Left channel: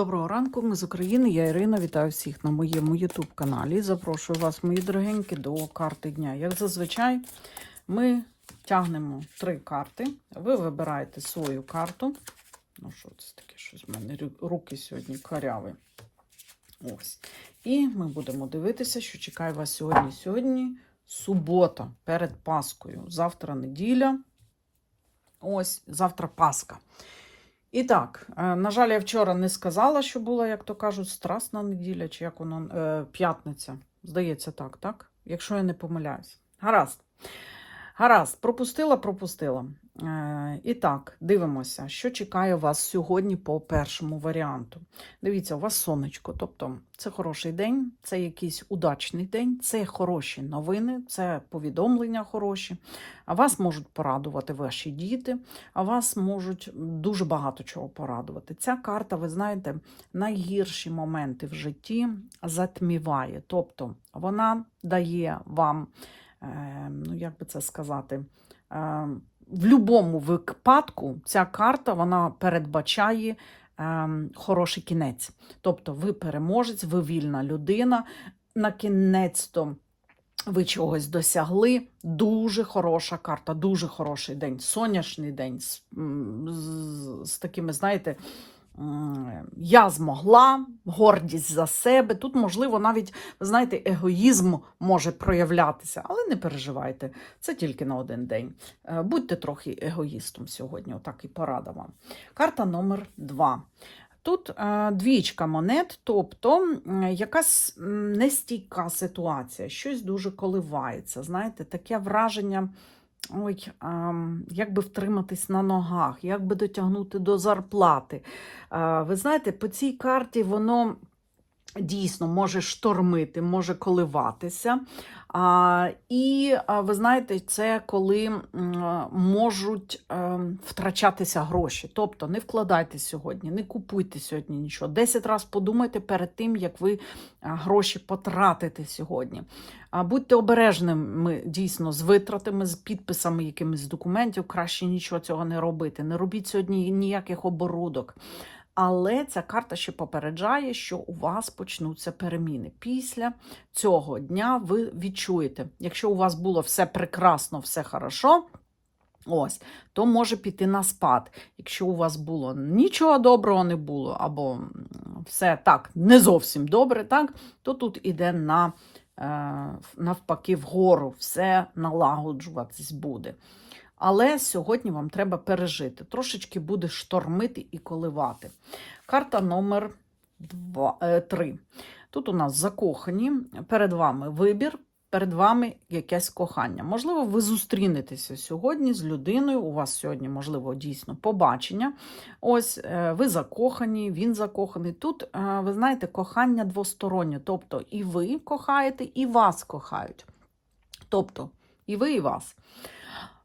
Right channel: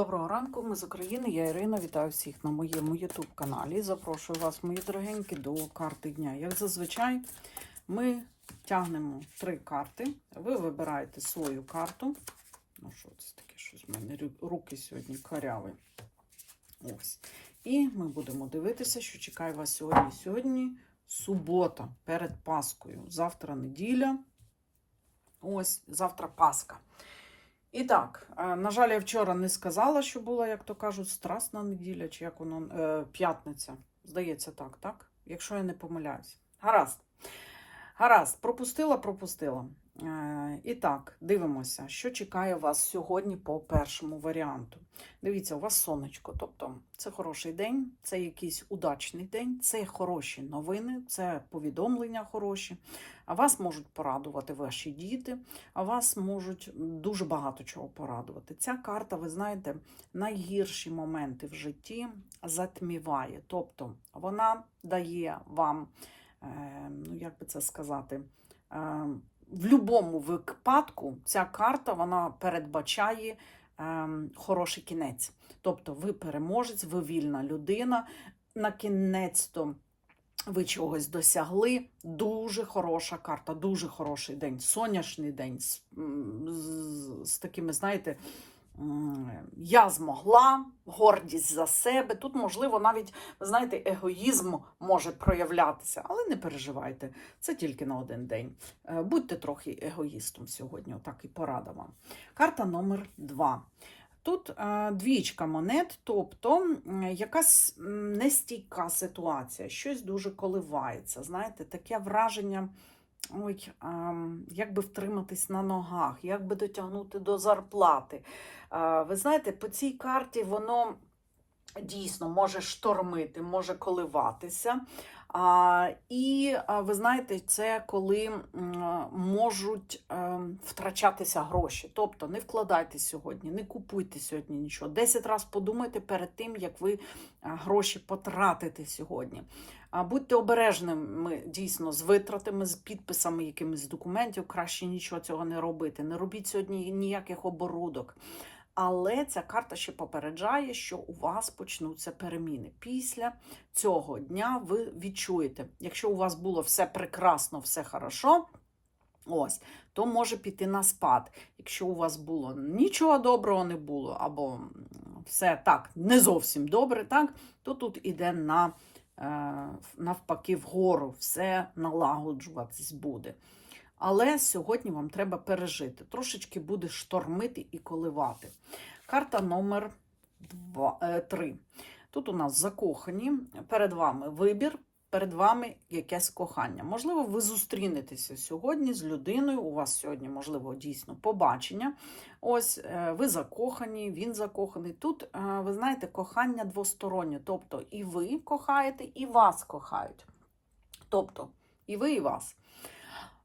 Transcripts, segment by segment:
Доброго ранку, ми з України. Я Ірина. Вітаю всіх на моєму YouTube каналі. Запрошую вас, мої дорогенькі, до карти дня. Як зазвичай, ми тягнемо три карти. Ви вибираєте свою карту. Ну, що це таке? Щось в мене руки сьогодні каряві. Ось. І ми будемо дивитися, що чекає вас сьогодні. Сьогодні субота перед Паскою. Завтра неділя. Ось, завтра Пасха. І так, е, на жаль, я вчора не сказала, що була, як то кажуть, страсна неділя, чи як воно е, п'ятниця. Здається, так, так? Якщо я не помиляюсь. Гаразд. Гаразд, пропустила, пропустила. Е, і так, дивимося, що чекає вас сьогодні по першому варіанту. Дивіться, у вас сонечко, тобто це хороший день, це якийсь удачний день, це хороші новини, це повідомлення хороші. А вас можуть порадувати ваші діти, а вас можуть дуже багато чого порадувати. Ця карта, ви знаєте, найгірші моменти в житті затміває. Тобто вона дає вам, е, ну як би це сказати, е, в будь-якому випадку ця карта вона передбачає е, хороший кінець. Тобто ви переможець, ви вільна людина. На кінець-то ви чогось досягли. Дуже хороша карта, дуже хороший день, сонячний день з, з, з такими, знаєте, я змогла, гордість за себе. Тут, можливо, навіть, знаєте, егоїзм може проявлятися, але не переживайте, це тільки на один день. Е, Будьте трохи егоїстом сьогодні, отак і порада вам. Карта номер два. Тут е, двічка монет, тобто якась нестійка ситуація, щось дуже коливається. Знаєте, таке враження, ой, як би втриматись на ногах, як би дотягнути до зарплати. Ви знаєте, по цій карті воно дійсно може штормити, може коливатися. А, і ви знаєте, це коли можуть е, втрачатися гроші. Тобто не вкладайте сьогодні, не купуйте сьогодні нічого. Десять разів подумайте перед тим, як ви гроші потратите сьогодні. А, будьте обережними дійсно з витратами, з підписами якимись документів. Краще нічого цього не робити. Не робіть сьогодні ніяких оборудок. Але ця карта ще попереджає, що у вас почнуться переміни. Після цього дня ви відчуєте, якщо у вас було все прекрасно, все хорошо, ось, то може піти на спад. Якщо у вас було нічого доброго не було, або все так не зовсім добре, так, то тут іде на е, навпаки вгору, все налагоджуватись буде. Але сьогодні вам треба пережити. Трошечки буде штормити і коливати. Карта номер 3. Тут у нас закохані, перед вами вибір, перед вами якесь кохання. Можливо, ви зустрінетеся сьогодні з людиною. У вас сьогодні, можливо, дійсно побачення. Ось е, ви закохані, він закоханий. Тут, е, ви знаєте, кохання двостороннє. Тобто і ви кохаєте, і вас кохають. Тобто, і ви, і вас.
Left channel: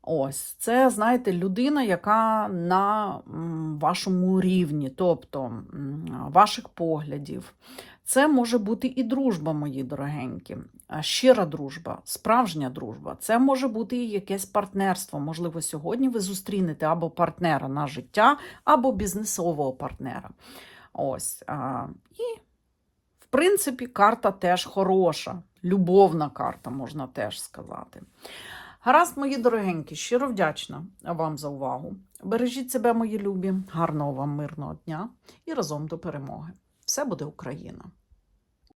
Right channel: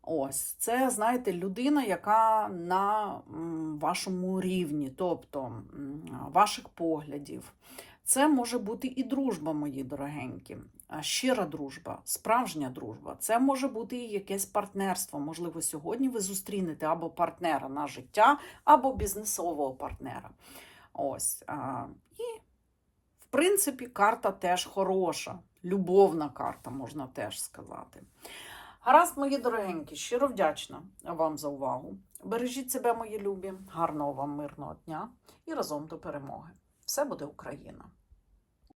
Ось, це, знаєте, людина, яка на вашому рівні, тобто ваших поглядів. Це може бути і дружба, мої дорогенькі, щира дружба, справжня дружба. Це може бути і якесь партнерство. Можливо, сьогодні ви зустрінете або партнера на життя, або бізнесового партнера. Ось. І, в принципі, карта теж хороша, любовна карта, можна теж сказати. Гаразд, мої дорогенькі, щиро вдячна вам за увагу. Бережіть себе, мої любі, гарного вам мирного дня і разом до перемоги. Все буде Україна!